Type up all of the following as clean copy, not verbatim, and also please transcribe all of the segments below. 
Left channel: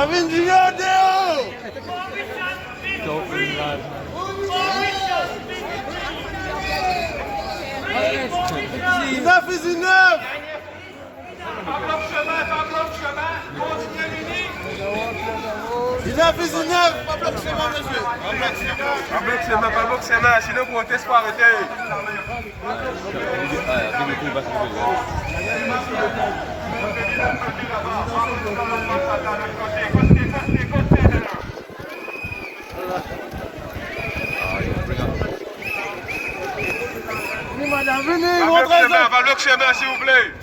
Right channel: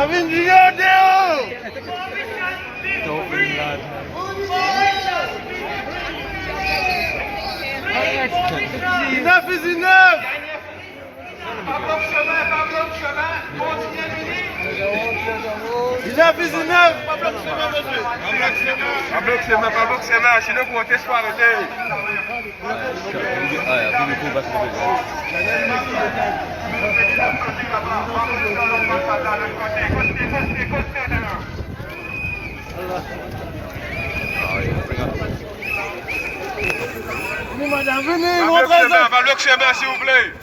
Enough is enough! Enough is enough! Pas bloc chemin, monsieur! Pas bloc chemin, sinon vous montez pas arrêter! Madame, venez, montrez ça! Pas bloc chemin, s'il vous plaît!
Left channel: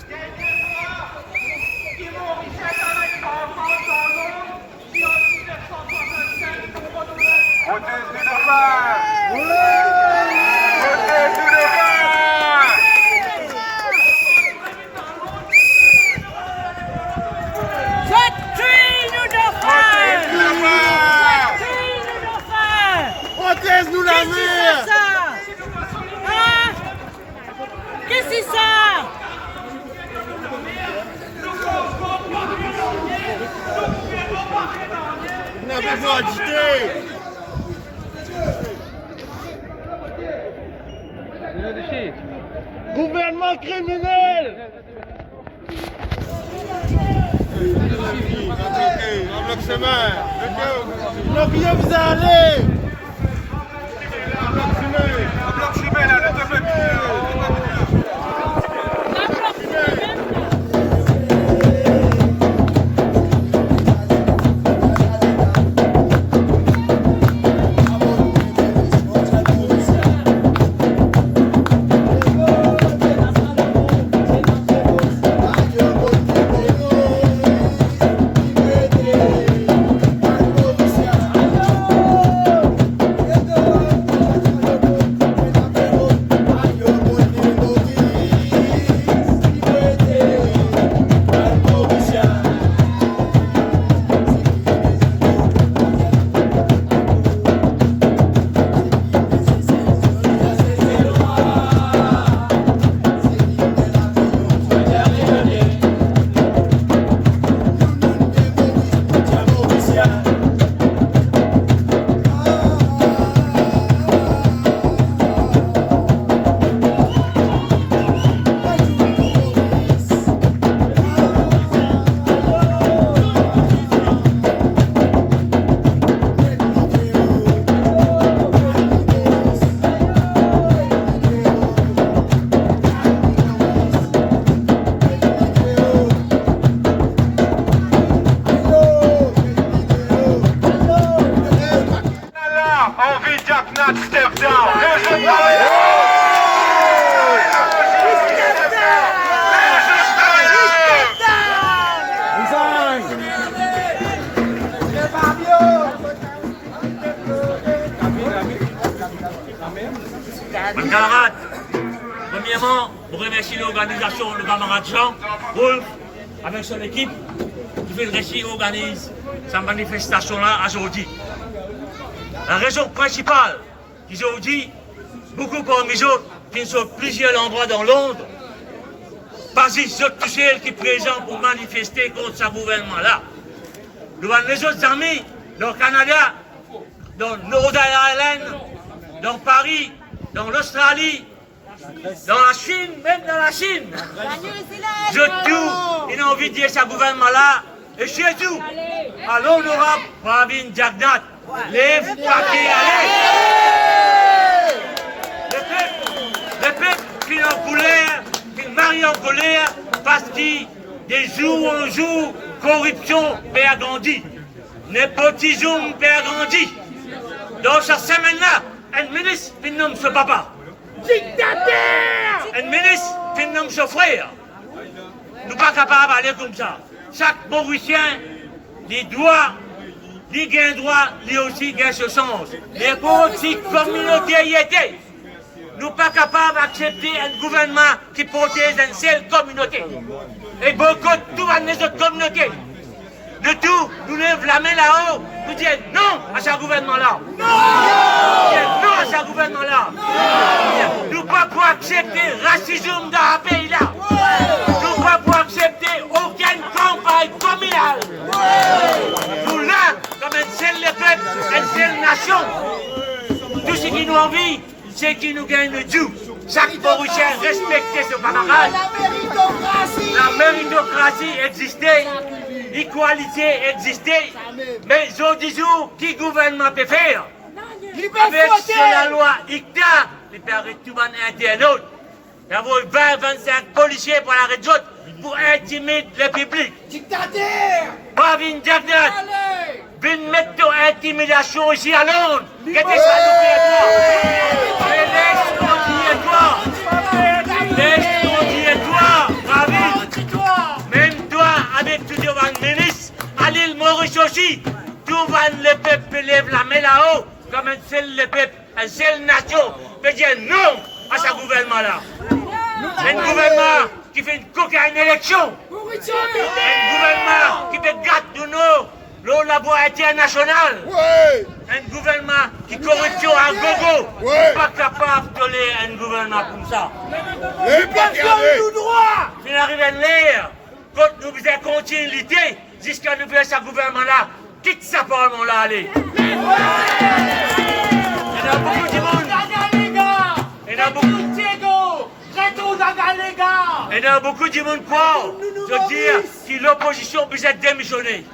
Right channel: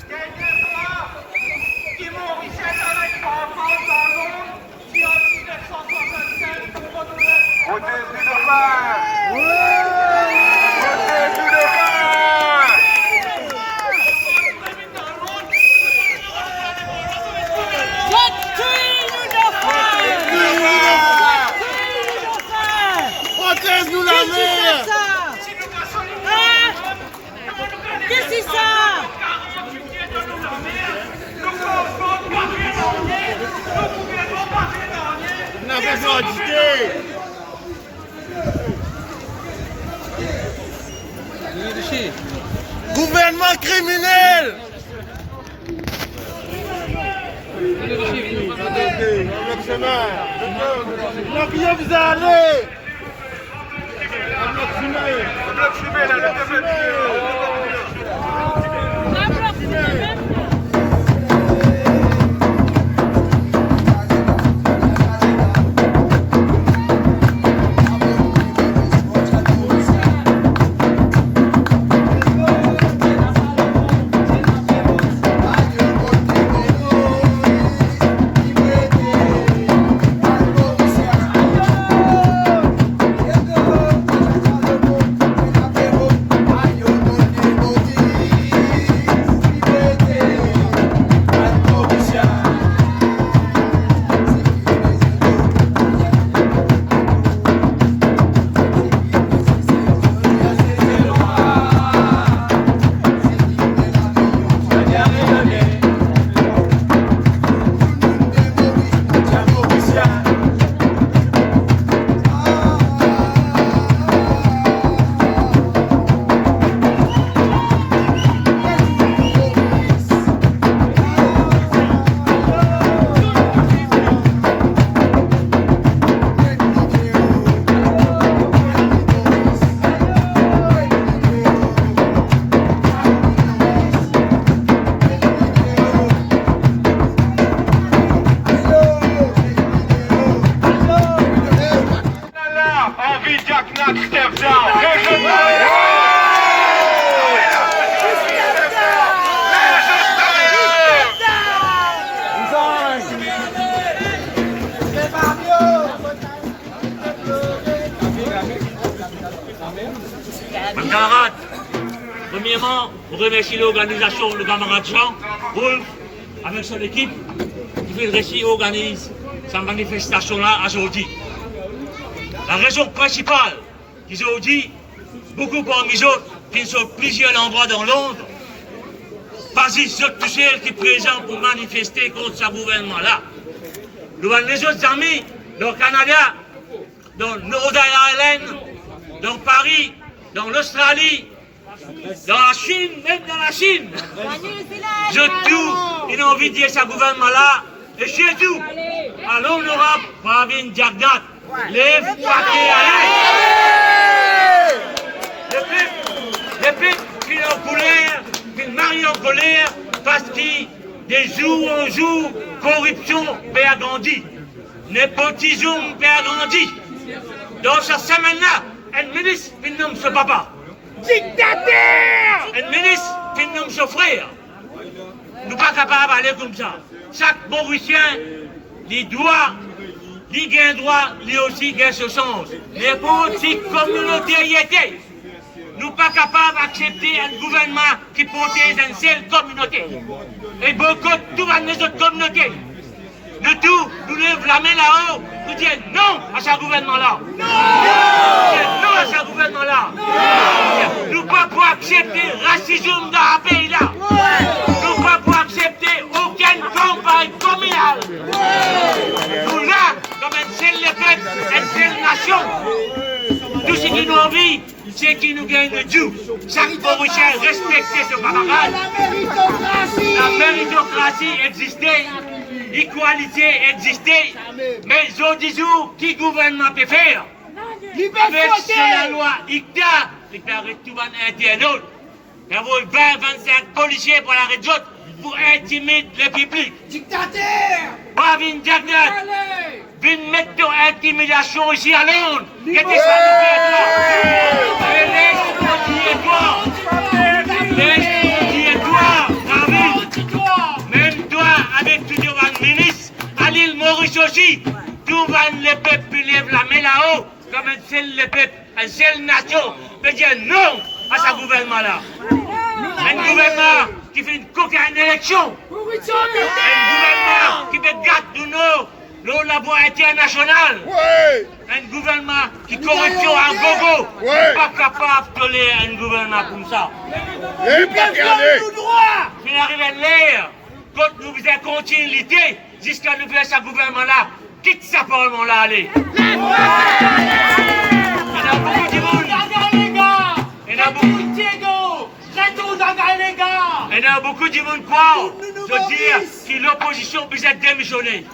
Protège-nous la mer! Qu'est-ce que c'est ça? On a besoin d'idées! Gouvernement criminel! La bien vous allez! Mes camarades, premièrement, je remercie l'organisation, le camarade Jean, Wolf, avec son équipe, qui fait le récit organise cette manifestation-là aujourd'hui. La raison principale, qu'aujourd'hui, beaucoup parmi eux, qui sont plusieurs endroits dans Londres, parmi tous ceux qui sont présents pour manifester contre ce gouvernement-là. Nous avons les autres amis, dans le Canada, dans Rhode Island, dans Paris, dans l'Australie, dans la Chine, même dans la Chine. Je tout, il a envie de dire ce gouvernement-là, et chez tout, à l'honorable Pravin Jagnnath, lève-toi le peuple qui est en colère, qui marie en colère, parce que de jour en jour, corruption perd grandi, népotisme perd grandi. Dans cette semaine-là, un ministre qui nomme ce papa. Dictateur! Un ministre qui nomme ce frère. Nous ne sommes pas capables d'aller comme ça. Chaque Mauricien, il doit, il gagne droit, lui aussi gagne ce sens. Mais pour cette communauté, nous ne sommes pas capables d'accepter un gouvernement qui protège une seule communauté. Et beaucoup de toutes les autres communautés. Nous tous, nous lèvons la main là-haut, nous disons non à ce gouvernement-là. Non! Non à ce gouvernement-là. Nous ne pouvons pas accepter le racisme dans ce pays-là. Nous ne pouvons pas accepter aucune campagne communale. seul le peuple, une seule nation. Tout ce qui nous envie, c'est qui nous gagne le Dieu. Chaque Mauricien respectait ses camarades. La méritocratie existait, l'égalité existait, mais aujourd'hui, qui gouvernement peut faire? Avec la loi ICTA, il peut arrêter tout le monde internaute. Il y a 20-25 policiers pour l'arrêt d'autres pour intimider le public. Dictateur! Pas Vin Jagnat, Vin mettre intimidation ici à Londres. Qu'est-ce que même toi, avec tout le ministre, à l'île Maurice aussi, tout le peuple lève la main là-haut, comme un seul le peuple, une seule nation, peut dire non à ce gouvernement-là. Un gouvernement qui fait une cocaïne élection. Un gouvernement qui fait gâte de nos laboratoire international. Un gouvernement qui corruption en gogo. Pas capable de tolérer un gouvernement comme ça. Tout droit! Il arrive à l'air. Quand nous faisons continuité, jusqu'à nous faire ce gouvernement-là, quitte ce parlement-là, allez. Il y a beaucoup de monde. Il y a beaucoup. Il y a beaucoup de monde quoi. Je veux dire que l'opposition peut être démissionnée.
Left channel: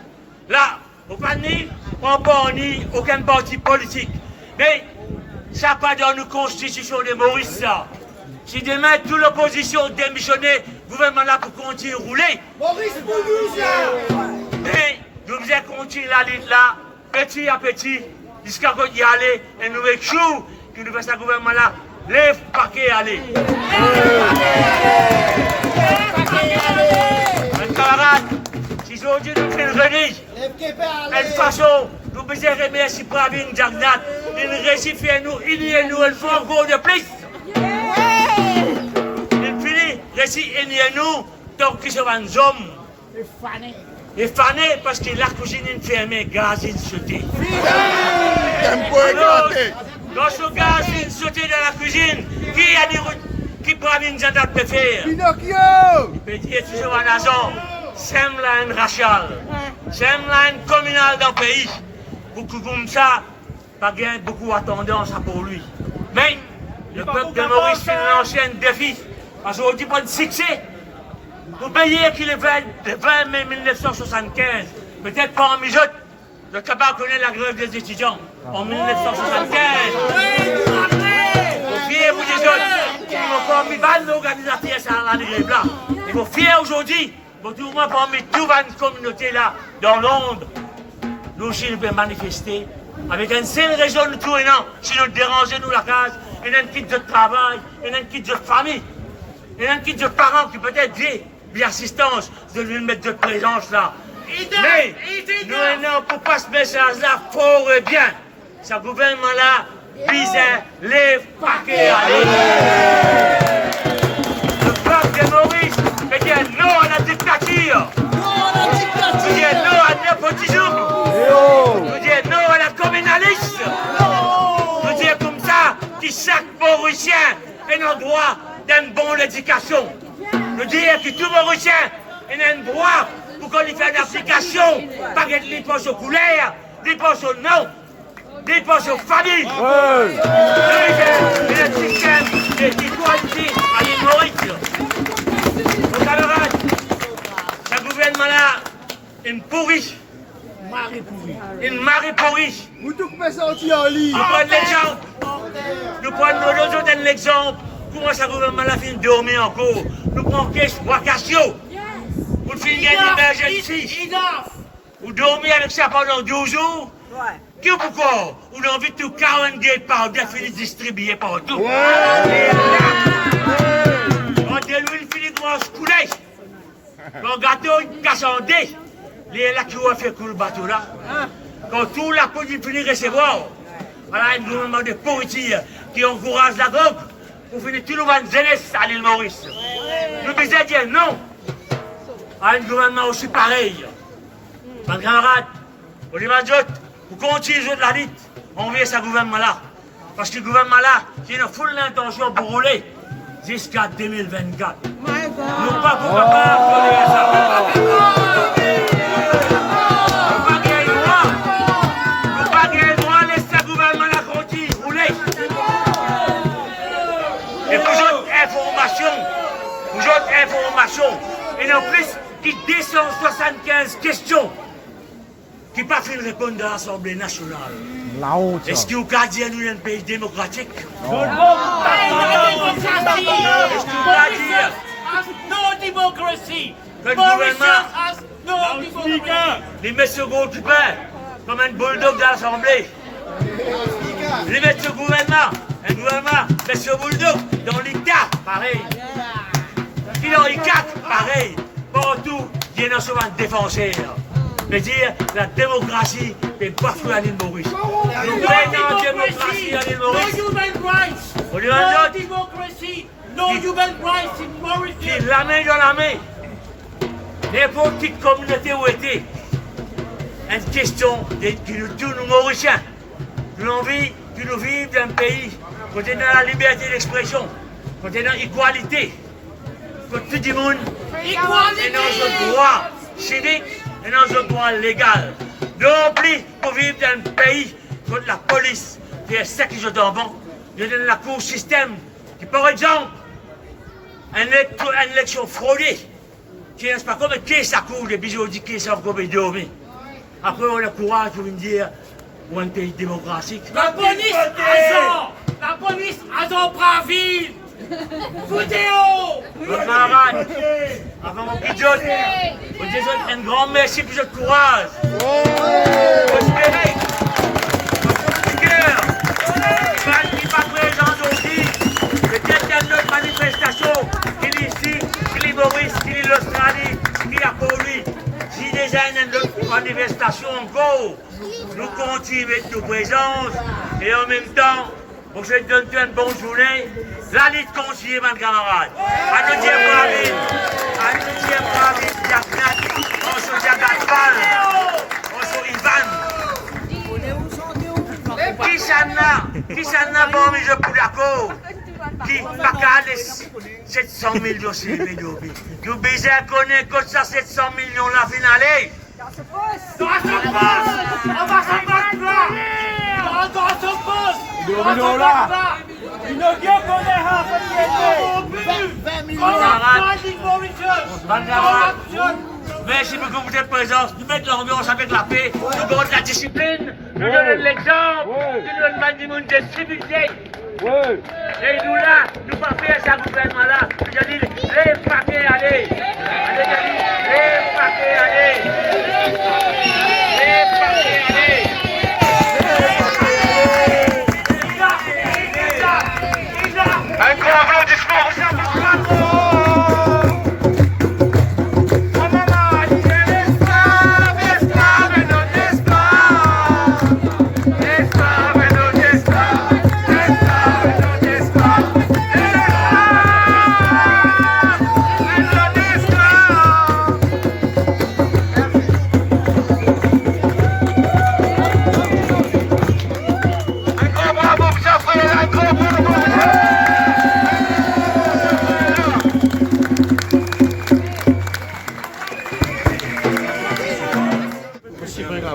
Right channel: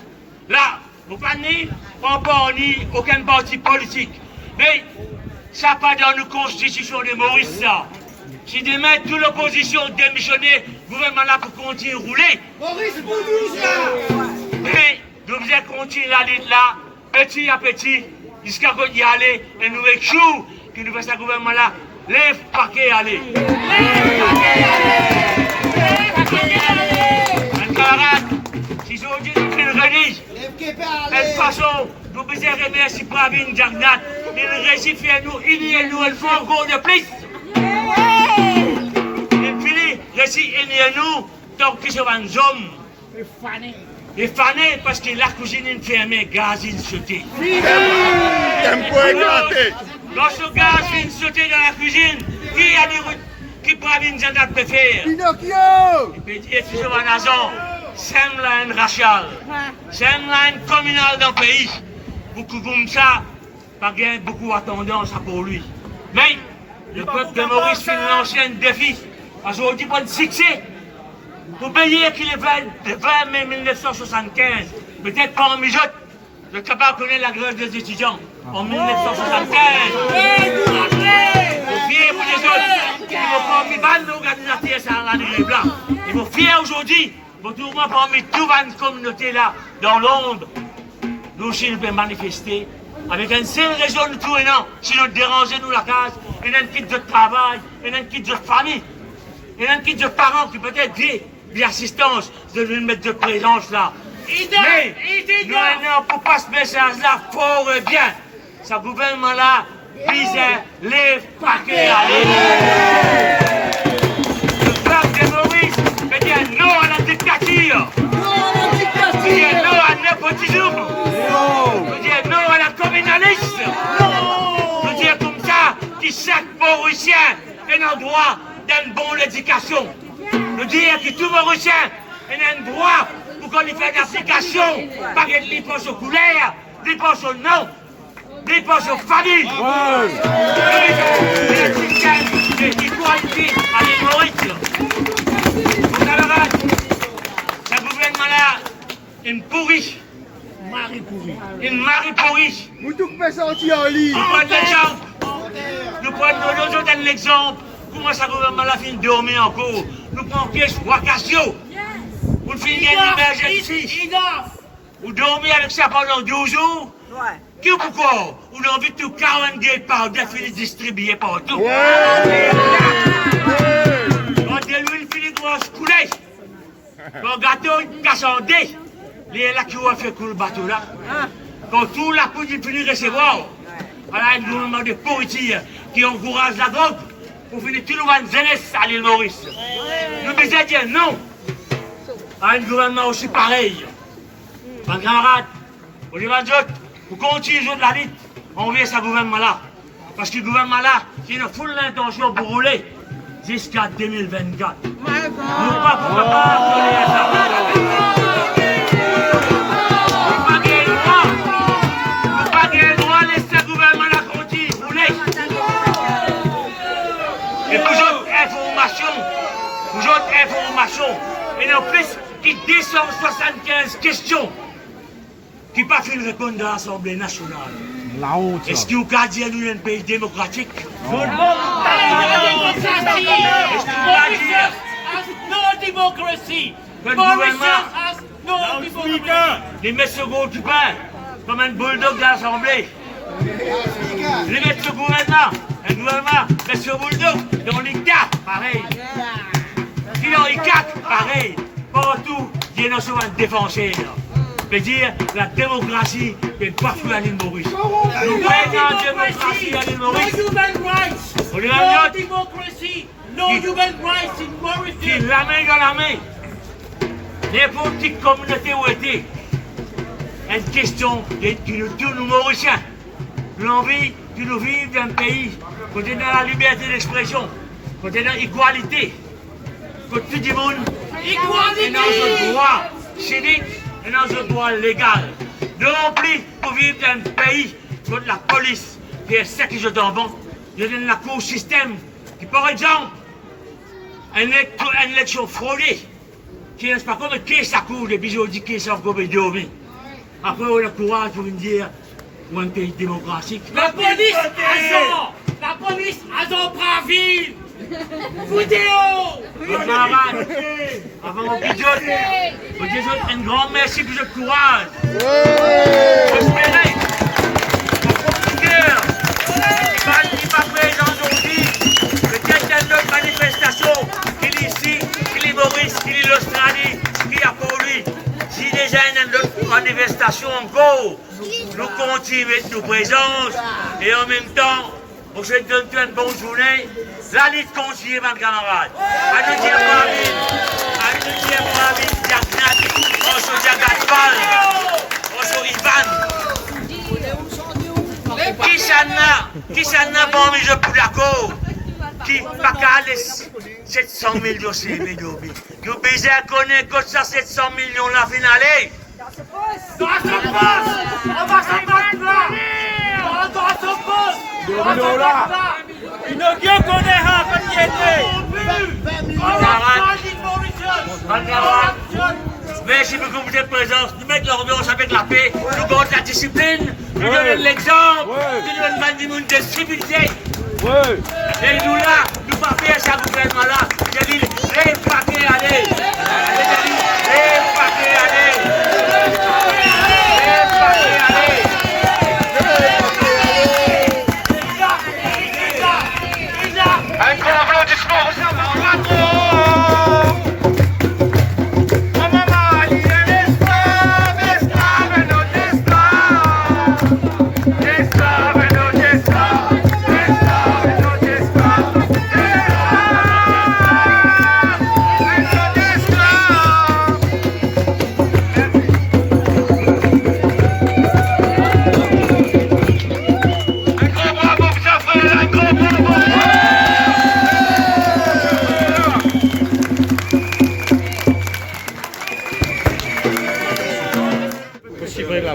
Là, vous ne pouvez pas ni aucun parti politique. Mais ça pas dans nos constitutions de Maurice, ça. Si demain toute l'opposition démissionnée, le gouvernement là pour continuer à rouler. Maurice Boulouse là! Mais nous allons continuer la lutte là, petit à petit, jusqu'à qu'on y aller, et nous échouons, que nous faisons ce gouvernement là, lève paquet aller. Mes camarades, si aujourd'hui nous faisons une relige, de toute façon, nous devons remercier Pravin Jagnat, il réussit à nous, il y a nous, il faut encore de plus. Il finit, réussit, il y a nous, donc qui sont un homme. Il est fané parce que la cuisine est fermée, gaz est sauté. Dans ce gaz est sauté dans la cuisine, qui Pravin Jagnat peut faire? Pinocchio! Il peut dire que c'est un agent. C'est une raciale, c'est une communale dans le pays. Beaucoup comme ça, pas bien beaucoup à tendance pour lui. Mais le peuple de Maurice fait un ancien défi. Parce qu'aujourd'hui, pour un succès, vous payez qu'il est 20 mai 1975, peut-être pas en mijote, le capable connaît la grève des étudiants en 1975. Vous fiez pour les autres qui n'ont pas mis mal l'organisateur sans la grève là. Ils vont fier aujourd'hui. Bon, tout le monde parmi toute une communauté là, dans l'ombre, nous aussi nous pouvons manifester avec une seule raison de tout et non, si nous dérangeons nous la case, et un kit de travail, et un kit de famille, et un kit de parents qui peut-être dit l'assistance de lui mettre de présence là. Mais nous non pour pas ce message là fort et bien. Ce gouvernement là visait les paquets. Le peuple de Maurice veut dire non à la dictature. Veut dire non à népotisme. Veut dire non à la communaliste. Veut dire comme ça que chaque Mauricien a un droit d'une bonne éducation. Veut dire que tout Mauricien a un droit pour qu'on lui fasse une application, pas qu'il lui pense aux couleurs, lui pense au nom, lui pense aux familles. Il y a un système d'égalité à l'île Maurice. Mon camarade, ce gouvernement-là, il me pourrit. Il m'a pourri. Vous tout pouvez sortir en ligne. Nous prenons l'exemple. Nous prenons un exemple. Comment ce gouvernement-là finit de dormir encore? Nous prenons Wakassio. Vous finissez une émergence. Vous dormez avec ça pendant 12 jours. Qui ou pourquoi? Vous avez envie de tout 40 gates par défini distribué partout. On dit l'huile finit de se couler. Quand le gâteau est cassandé, il est là qui va faire couler le bateau là. Quand tout la police finit de recevoir, voilà un gouvernement de pourriture qui encourage la drogue pour finir tout le monde jeunesse à l'île Maurice. Nous devons dire non à un gouvernement aussi pareil. Mes camarades, pour les majors, vous continuez de la lutte, on veut ce gouvernement-là. Parce que le gouvernement-là, il a full l'intention pour rouler jusqu'à 2024. Nous ne pouvons pas rouler à ça. information, et en plus, qui 275 questions, qui pas fait répondre de l'Assemblée nationale. La honte. Est-ce qu'il y a dit à nous un pays démocratique? No democracy. Mauritius has no democracy. Les mettre sur gros pain, comme un bulldog de l'Assemblée. Les mettre sur gouvernement, un gouvernement, met sur bulldog, dans les cas, pareil. Puis dans les cas, pareil. Partout, il y a un défenseur. Mais dire la démocratie n'est pas pour l'île Maurice. Nous voyons la démocratie à l'île No Maurice. human rights. On lui No a dit democracy. No human rights in qui Mauritius. la main dans la main. N'importe quelle communauté où était. Une question de tous nous Mauriciens. Nous avons envie de nous vivre dans un pays où on a la liberté d'expression, où on a l'égalité, où tout le monde est dans un droit civique et dans un droit légal. Nous avons plus pour vivre dans un pays où la police fait ce qui est bon, nous donne la cour système qui, par exemple, une élection fraudée, qui n'est pas comme qui ça court, les bijoux dit qui ça comme dormir. Après, on a le courage pour nous dire où un pays démocratique. La police a son braville. Foutez-vous. Mon camarade, avant mon pigeon, on dit un grand merci pour ce courage. Prospérer, notre guerre, qui va présent aujourd'hui, peut-être dans notre manifestation, qu'il est ici, qu'il est Maurice, qu'il est l'Australie, qu'il est pour lui. Si déjà une autre manifestation encore, nous continuons notre présence et en même temps, on se donne une bonne journée. La lutte continue, mes camarades. À nous dire Mohamed, Diagnat, on se Diagatpal, on se Ivan. Qui s'en a bon, mais je suis d'accord. Qui pas qu'à 700 000 dossiers, mais nous connaître que ça 700 millions la finale. Dans ce poste, on va s'en battre là. Dans ce poste, on va s'en battre là. Il ne vient qu'on est là, Merci beaucoup pour votre présence. Nous mettons l'ambiance avec la paix, nous gardons la discipline, nous donnons l'exemple, nous donnons du monde de civilité. Et nous là, nous ne pouvons pas faire ça gouvernement là. Je dis, les paquets, allez. Les paquets, allez. Les paquets, allez. Un grand applaudissement au Salvador.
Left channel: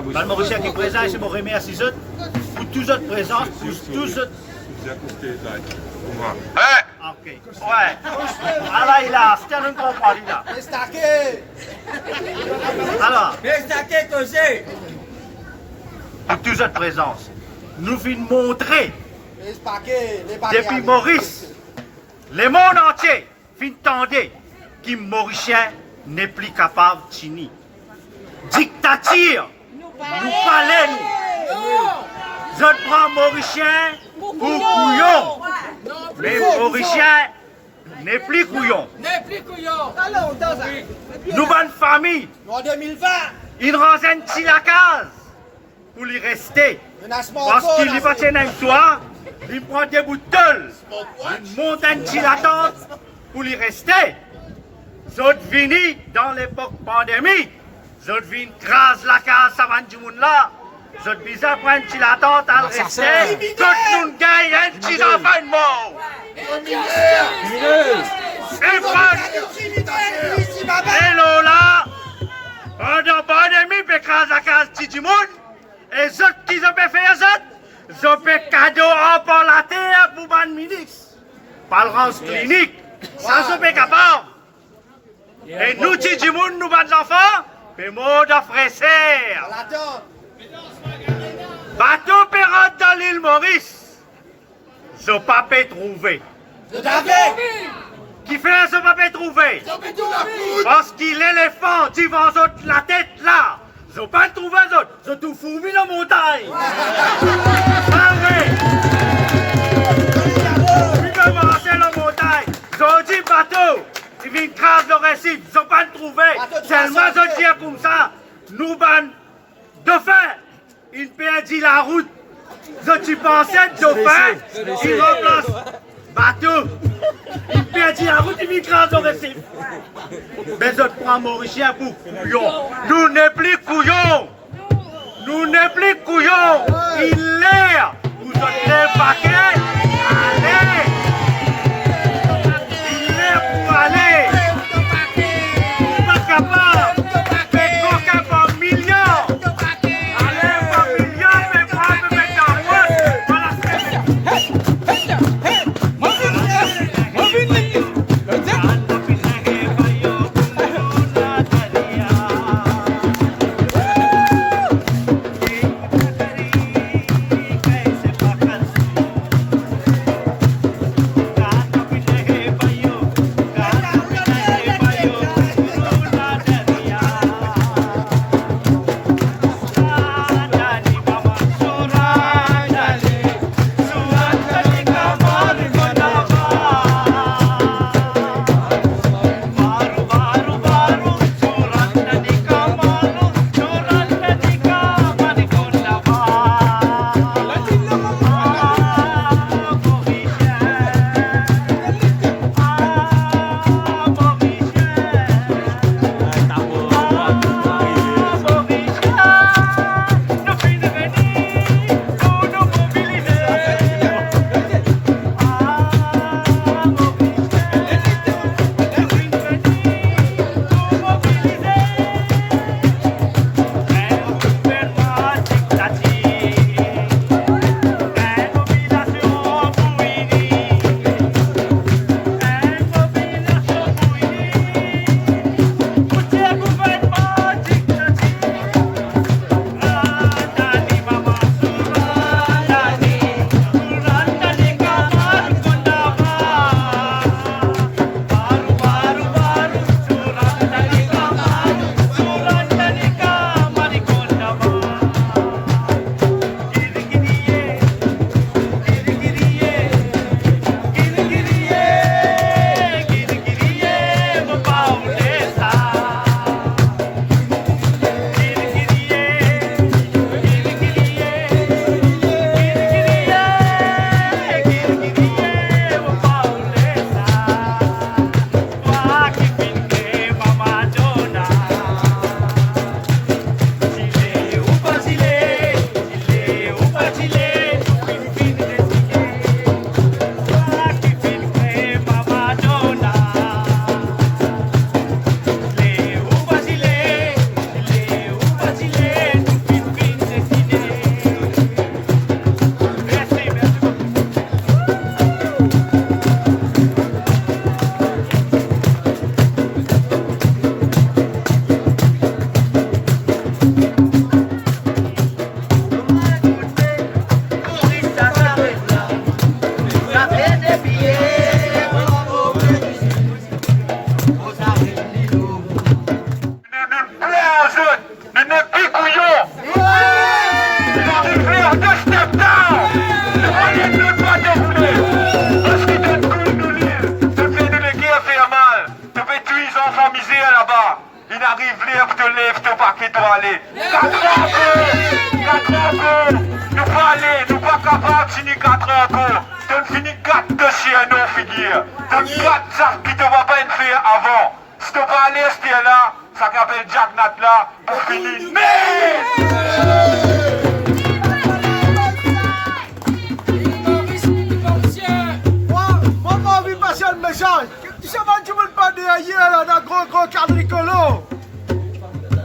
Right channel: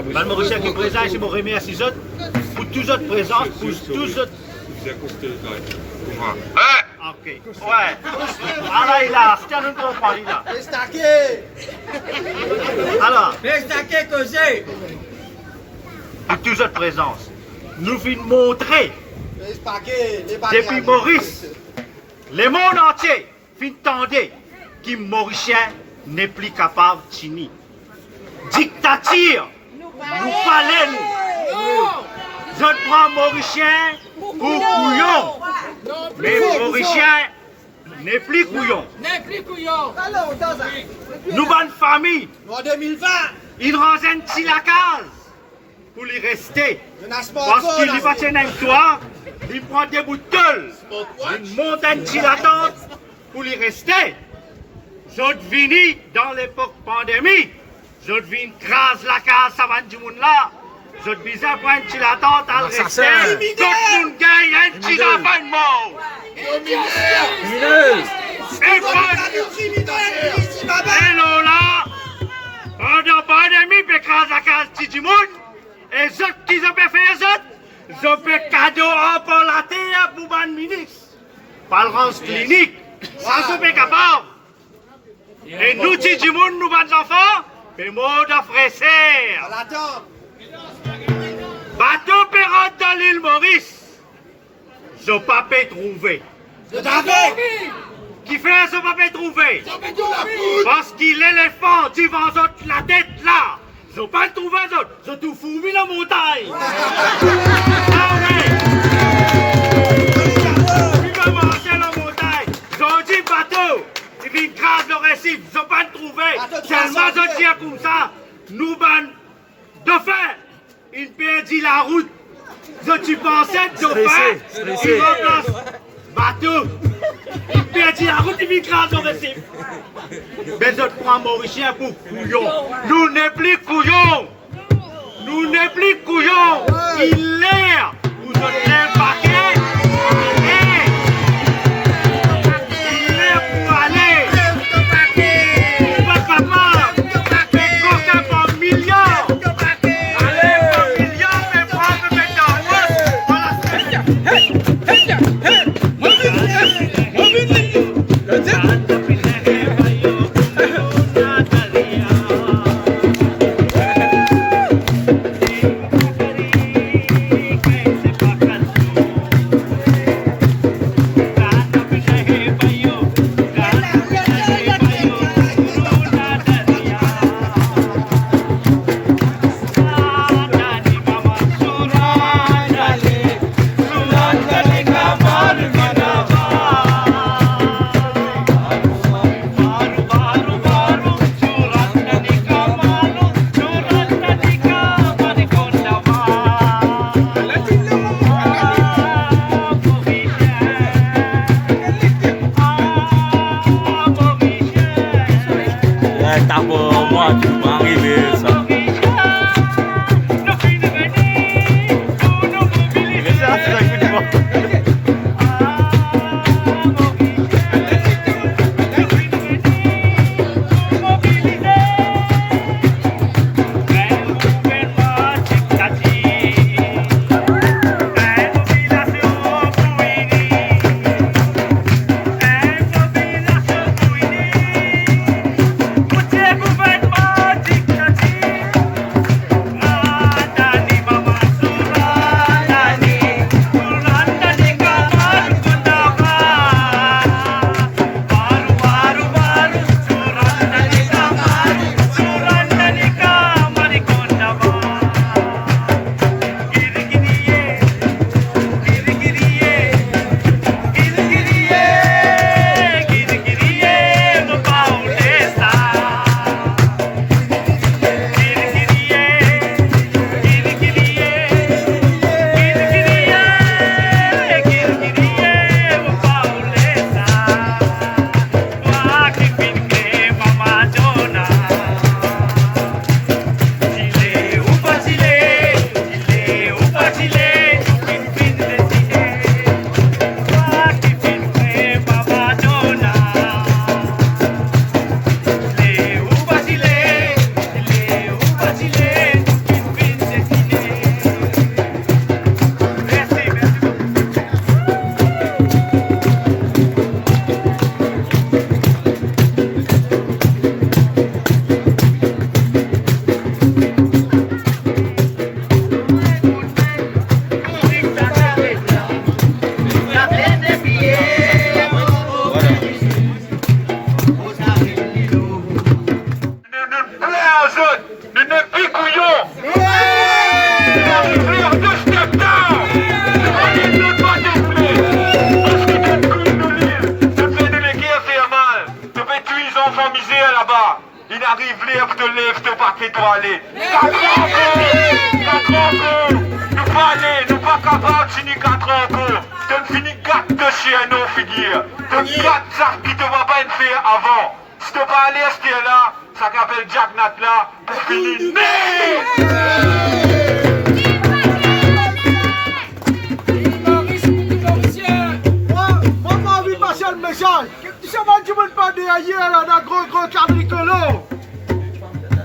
Mme Mauricien qui est présent ici, je vous remercie pour tous votre présence, pour tous votre... Ok. Ouais. Alors, il a, c'est un comprend, il a. Alors, pour toute votre présence, nous venons montrer, depuis Maurice, le monde entier, vient tendre que Mauricien n'est plus capable de tenir. Dictature, nous parlons. Je prends Mauricien pour couillon. Mais Mauricien n'est plus couillon. Nous, bonne famille, En 2020, il renseigne si la case pour y rester. Parce qu'il y va tenir un toit, il prend des bouts de gueule, il monte un petit la tente pour y rester. J'autre vini dans l'époque pandémie, j'autre vini crase la case, ça va du monde là. J'autre bizarre prendre un petit la tente à le rester. Quand nous gagne un petit enfant de mort. Et là, pendant la pandémie, il crase la case du monde. Et ceux qui ont fait ça, ils ont fait cadeau en par la terre pour le ministre. parlance clinique, sans se faire capable. Et nous, si du monde, nous, ban d'enfants, mais mot de frère. Bateau pirate dans l'île Maurice, je pas pu trouver. Qui fait ce pas pu trouver? Parce qu'il l'éléphant qui vend la tête là. Je pas trouvé autres, je tout fourmi la montagne. Ah oui. Il commence la montagne. Je dis bateau, il vient grave le récif. Je pas trouvé. Seulement je dis comme ça, nous ban de faire. Il perdit la route. Je tu pensais de faire. Il remplace bateau. Il perdit la route, il vient grave le récif. Mais je prends Mauricien pour couillon. Nous n'est plus couillons. Nous n'est plus couillons. Il l'air. Vous êtes les paquets. Il l'air pour aller. Pas capable. Mais coquin par millions. Allez, par millions, mais pas me mettre en route. Voilà. Il arrive l'air de lève, te pas qu'il doit aller. Nous pas aller, nous pas capables, fini 4 ans encore. Tu finis 4 de chien, non figure. Tu 4 sacs qui te va pas faire avant. Si tu pas aller, c'était là, ça s'appelle Jack Nat là, pour finir. Moi, pas envie de passer le message. Tu sais pas, tu veux pas derrière là, d'un gros quadricolore.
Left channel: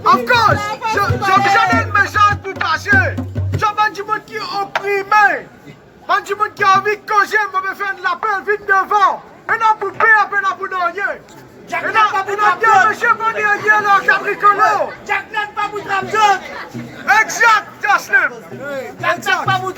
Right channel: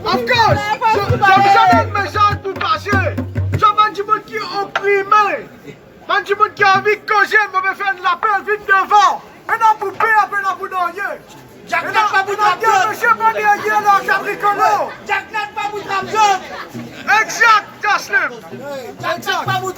Of course, j'ai déjà un message pour passer. Tu sais pas, tu veux qui est opprimé. Quand tu veux qui a envie de causer, on va me faire de l'appel vite devant. Et là, pour payer, après là, pour donner. Jack n'a pas vous Monsieur, qu'on est allé là, quadricolo. Jack n'a pas vous Exact, Jocelyn. Jack n'a pas vous